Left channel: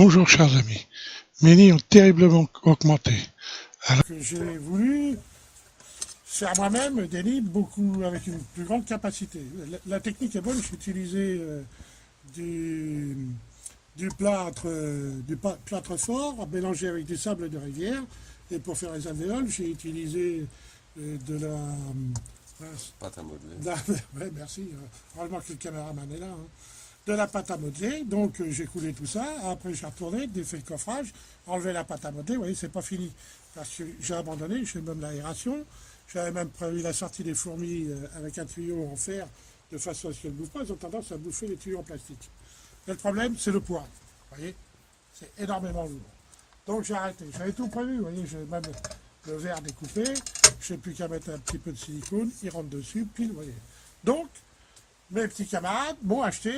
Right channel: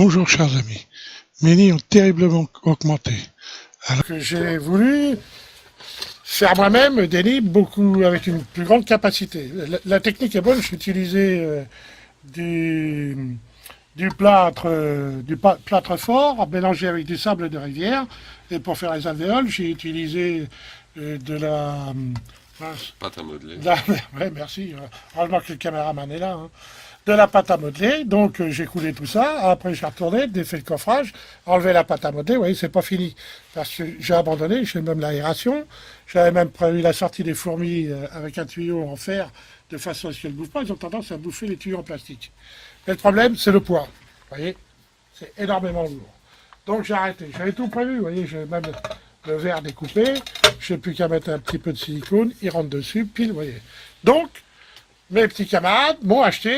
Bonjour chers amis, mes nids ont terriblement augmenté. Alors que j'ai voulu faire moi-même des nids beaucoup avec une plus grande capacité. La technique est bonne, j'ai utilisé du, plâtre fort mélangé avec du sable de rivière. Et pour faire les alvéoles, j'ai utilisé de la... Pâte à modeler. Ouais, merci. Heureusement que le caméraman est là. Hein. De la pâte à modeler, donc j'ai coulé tout ça. Après, j'ai retourné, défait le coffrage, enlevé la pâte à modeler. Vous voyez, c'est pas fini. Parce que j'ai abandonné, j'ai même l'aération. J'avais même prévu la sortie des fourmis avec un tuyau en fer, de façon à ce qu'elles ne bouffent pas. Ils ont tendance à bouffer les tuyaux en plastique. Mais le problème, c'est le poids. Vous voyez, c'est énormément lourd. Donc j'ai arrêté. J'avais tout prévu. Vous voyez, j'ai même le verre découpé. Je n'ai plus qu'à mettre un petit peu de silicone. Il rentre dessus, pile, vous voyez. Donc, mes petits camarades m'ont acheté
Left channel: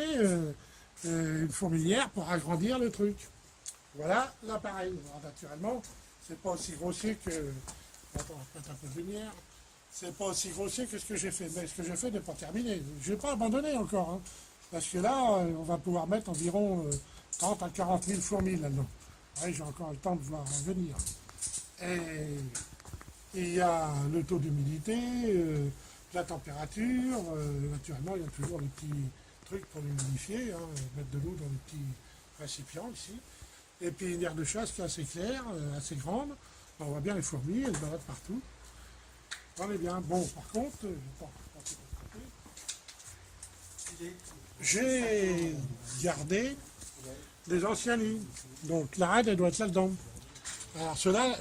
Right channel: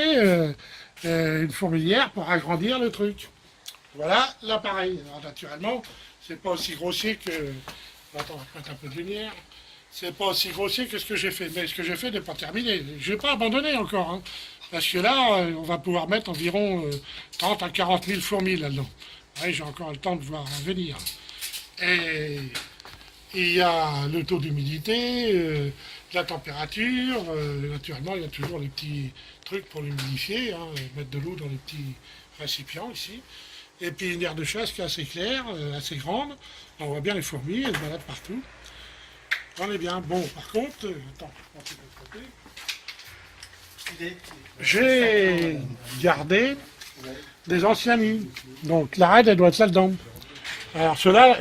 une fourmilière pour agrandir le truc. Voilà l'appareil. Alors, naturellement, c'est pas aussi grossier que... Attends, on va mettre un peu de lumière. C'est pas aussi grossier que ce que j'ai fait. Mais ce que j'ai fait n'est pas terminé. Je vais pas abandonner encore. Hein, parce que là, on va pouvoir mettre environ 30 à 40 000 fourmis là-dedans. Ouais, j'ai encore le temps de voir venir. Et il y a le taux d'humidité, la température, naturellement il y a toujours les petits trucs pour l'humidifier, hein, mettre de l'eau dans les petits récipients ici. Et puis une aire de chasse qui est assez claire, assez grande. On voit bien les fourmis, elles se baladent partout. On est bien. Bon, par contre, attends, un petit peu de côté. J'ai gardé des anciens nids. Donc la reine, elle doit être là-dedans. Alors cela,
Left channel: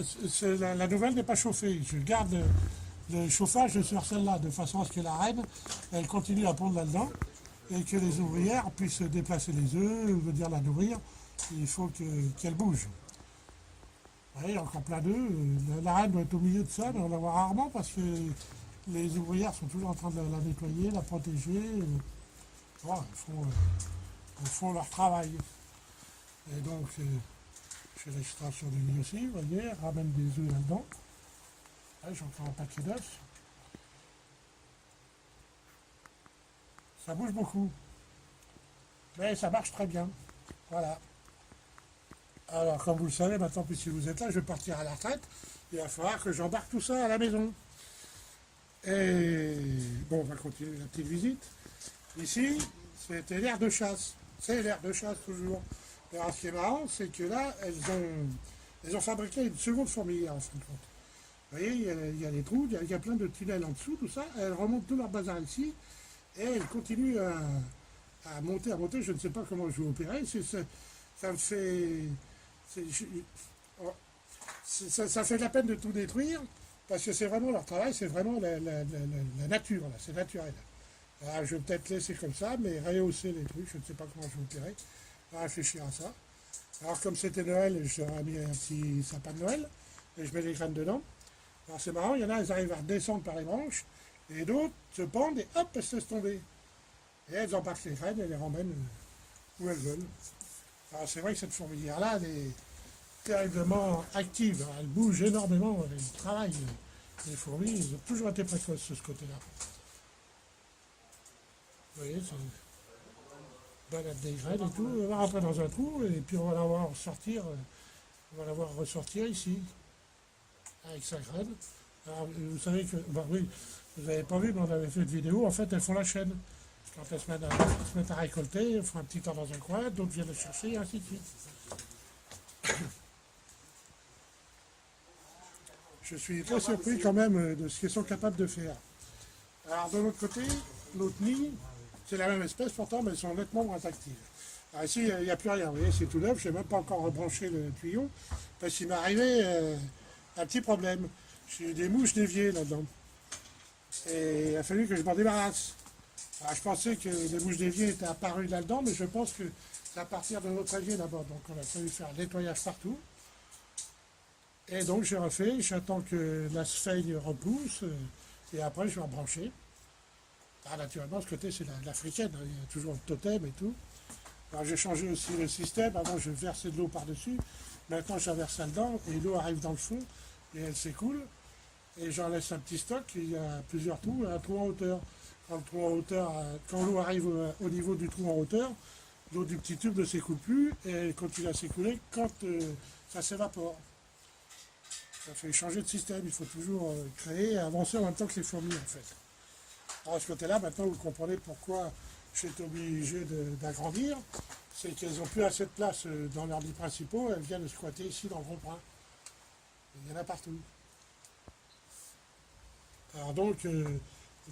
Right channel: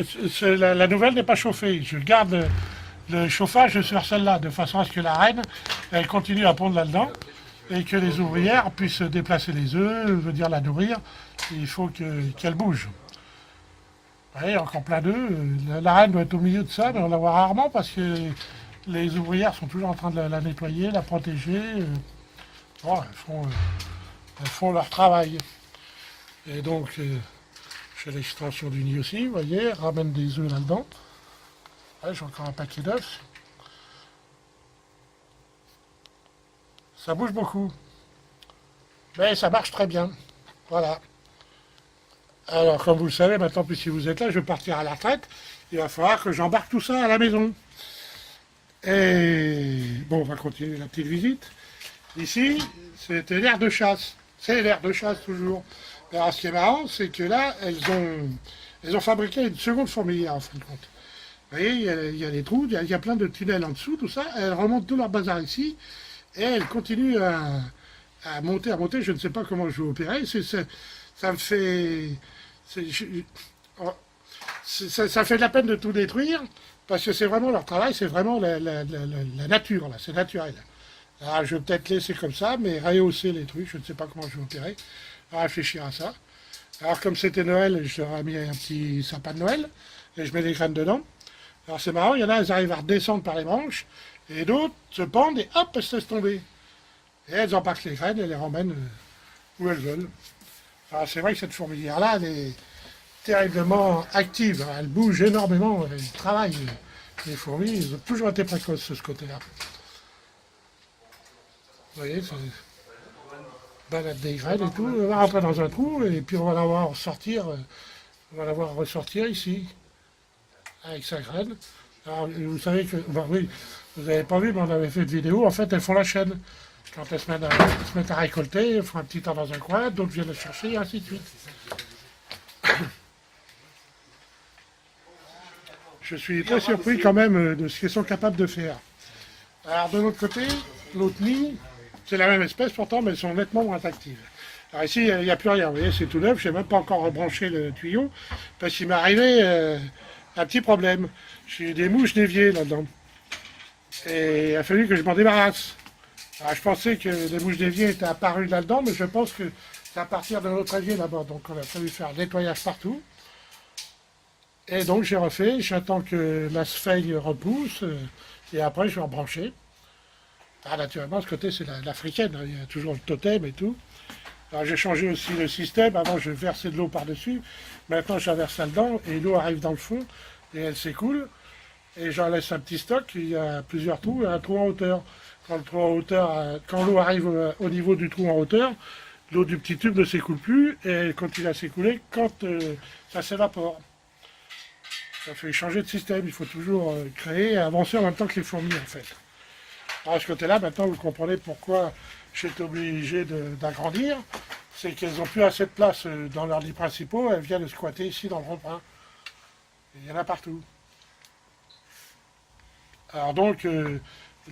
la nouvelle n'est pas chauffée. Je garde le chauffage sur celle-là, de façon à ce que la reine, elle continue à pondre là-dedans, et que les ouvrières puissent déplacer les œufs, veut dire la nourrir. Il faut qu'elle bouge. Vous voyez, encore plein d'œufs. La reine doit être au milieu de ça, mais on la voit rarement parce que les ouvrières sont toujours en train de la nettoyer, la protéger. Bon, elles font leur travail. Et donc, j'ai l'extension du nid aussi, vous voyez, ramène des œufs là-dedans. Ouais, j'ai encore un paquet d'œufs. Ça bouge beaucoup. Mais ça marche très bien. Voilà. Alors, comme vous le savez, maintenant, puis si vous êtes là, je vais partir à la retraite. Il va falloir que j'embarque tout ça à la maison. Et bon, on va continuer la petite visite. Ici, c'était l'aire de chasse. C'est l'aire de chasse toujours. Alors, ce qui est marrant, c'est que là, elles ont fabriqué une seconde fourmilière, en fin de compte. Vous voyez, il y a des trous, il y a plein de tunnels en dessous, tout ça. Elles remontent tout leur bazar ici. Et elles continuent à monter, à monter. Je ne sais pas comment je vais opérer. Ça me fait... oh, ça fait de la peine de tout détruire. Parce que c'est vraiment leur travail, c'est vraiment la nature, là. C'est naturel. Alors, je vais peut-être laisser comme ça, mais rehausser les trucs. Je ne sais pas comment je vais opérer. On va réfléchir à ça. Alors, comme c'était Noël, je leur ai mis un petit sapin de Noël. Et je mets des graines dedans. Alors c'est marrant, il y en a, elles arrivent à redescendre par les branches, et d'autres se pendent et hop, elles se laissent tomber. Et elles embarquent les graines et les ramènent où elles veulent. Alors c'est vrai que cette fourmilière-là, elle est terriblement active, elle bouge énormément, elle travaille. Les fourmis, ils ont toujours été précoces de ce côté-là. Vous voyez, c'est balade des graines et tout, on va rentrer dans un trou, et puis on va la voir sortir, on va la voir ressortir ici, avec sa graine. Alors, vous savez que, bon, oui, vous n'avez pas vu, mais on avait fait une vidéo, en fait, elles font la chaîne. Quand elles se mettent à récolter, elles font un petit temps dans un coin, d'autres viennent les chercher, et ainsi de suite. Je suis très surpris quand même de ce qu'elles sont capables de faire. Alors, de l'autre côté, l'autre nid, c'est la même espèce pourtant, mais elles sont nettement moins actives. Alors ici, il n'y a plus rien, vous voyez, c'est tout neuf, je n'ai même pas encore rebranché le tuyau, parce qu'il m'est arrivé un petit problème. J'ai eu des mouches d'évier là-dedans. Et il a fallu que je m'en débarrasse. Alors, je pensais que les mouches d'évier étaient apparues là-dedans, mais je pense que c'est à partir de notre évier là-bas. Donc on a fallu faire le nettoyage partout. Et donc j'ai refait, j'attends que la sphène repousse, et après je vais rebrancher. Ah, naturellement, ce côté c'est l'africaine, hein, il y a toujours le totem et tout. Alors j'ai changé aussi le système, avant je versais de l'eau par-dessus, maintenant je la verse là-dedans, et l'eau arrive dans le fond, et elle s'écoule. Et j'en laisse un petit stock, il y a plusieurs trous, et un trou en hauteur. Quand l'eau arrive au niveau du trou en hauteur, l'eau du petit tube ne s'écoule plus et elle continue à s'écouler quand ça s'évapore. Ça fait changer de système, il faut toujours créer et avancer en même temps que les fourmis en fait. Alors, à ce côté-là, maintenant vous comprenez pourquoi j'étais obligé d'agrandir, c'est qu'elles n'ont plus assez de place dans leurs lits principaux, elles viennent squatter ici dans le rond-point. Il y en a partout. Alors donc,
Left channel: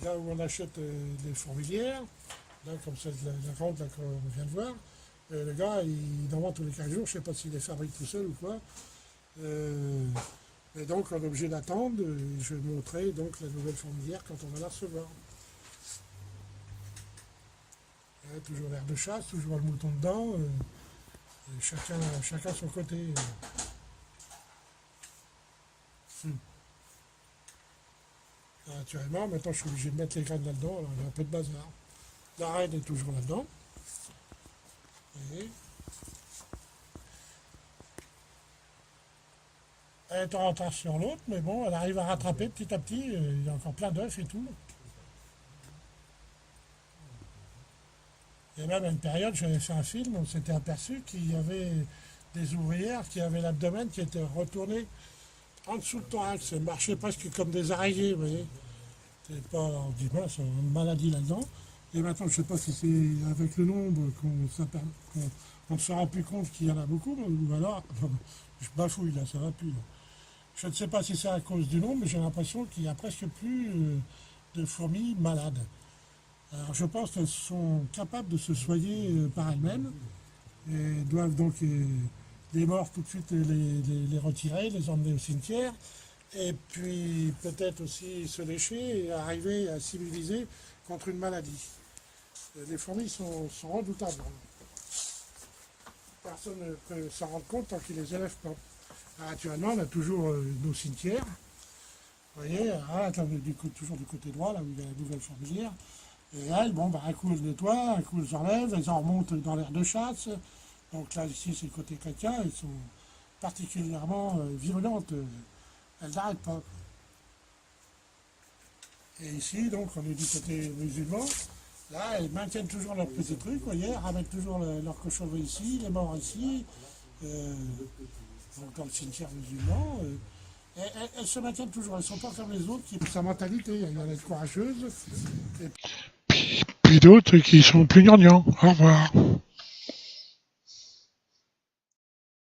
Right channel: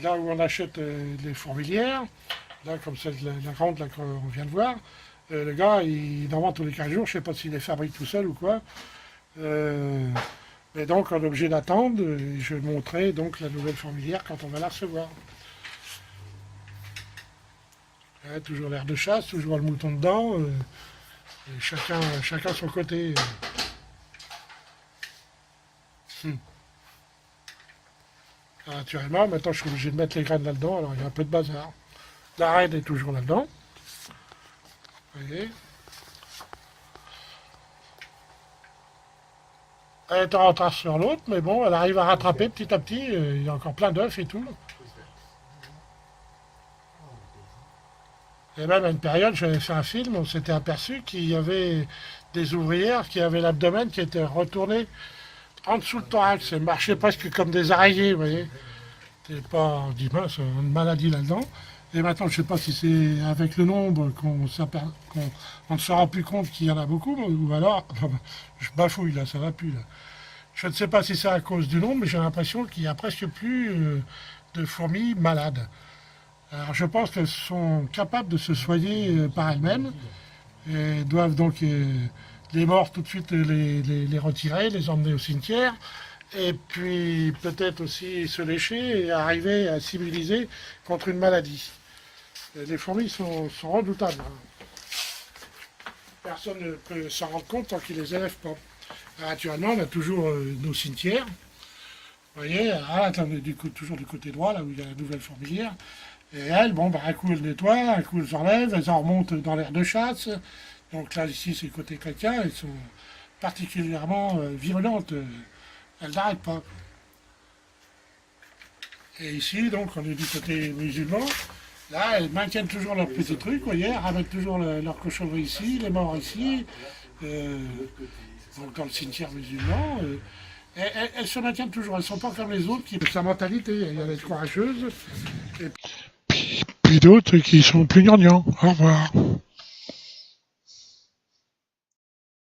là où on achète les fourmilières, là comme celle de la grande là qu'on vient de voir, le gars il en vend tous les 15 jours, je ne sais pas s'il les fabrique tout seul ou quoi. Mais donc on est obligé d'attendre, et je montrerai donc la nouvelle fourmilière quand on va la recevoir. Toujours l'air de chasse, toujours le mouton dedans, et chacun son côté. Naturellement, maintenant je suis obligé de mettre les graines là-dedans, alors il y a un peu de bazar. La reine est toujours là-dedans. Vous voyez. Elle est en retard sur l'autre, mais bon, elle arrive à rattraper petit à petit, il y a encore plein d'œufs et tout. Et même à une période, j'avais fait un film, on s'était aperçu qu'il y avait des ouvrières qui avaient l'abdomen qui était retourné en dessous le thorax. Elles marchaient presque comme des araignées, vous voyez. C'est pas, on dit mince, une maladie là-dedans. Et maintenant, je ne sais pas si c'est avec le nombre qu'on ne se rend plus compte qu'il y en a beaucoup, ou alors, je bafouille là, ça va plus là. Je ne sais pas si c'est à cause du nombre, mais j'ai l'impression qu'il n'y a presque plus de fourmis malades. Alors je pense qu'elles sont capables de se soigner par elles-mêmes, et doivent donc les morts tout de suite les retirer, les emmener au cimetière, et puis peut-être aussi se lécher et arriver à s'immuniser contre une maladie. Les fourmis sont redoutables. Personne ne peut s'en rendre compte tant qu'ils ne les élèvent pas. Alors, actuellement, on a toujours nos cimetières. Vous voyez, là, toujours du côté droit, là où il y a la nouvelle fourmilière. Et elles, bon, un coup elles nettoient, un coup elles enlèvent, elles en remontent dans l'air de chasse. Donc là, ici, c'est le côté chrétien, elles sont particulièrement virulentes. Elles n'arrêtent pas. Et ici, donc, on est du côté musulman. Là, elles maintiennent toujours leur petit truc, vous voyez, elles ramènent toujours leur cochonnerie ici, les morts ici, donc dans le cimetière musulman. Elles se maintiennent toujours, elles ne sont pas comme les autres qui ont sa mentalité. Il y a les courageuses. Puis d'autres qui sont plus gnangnans. Au revoir.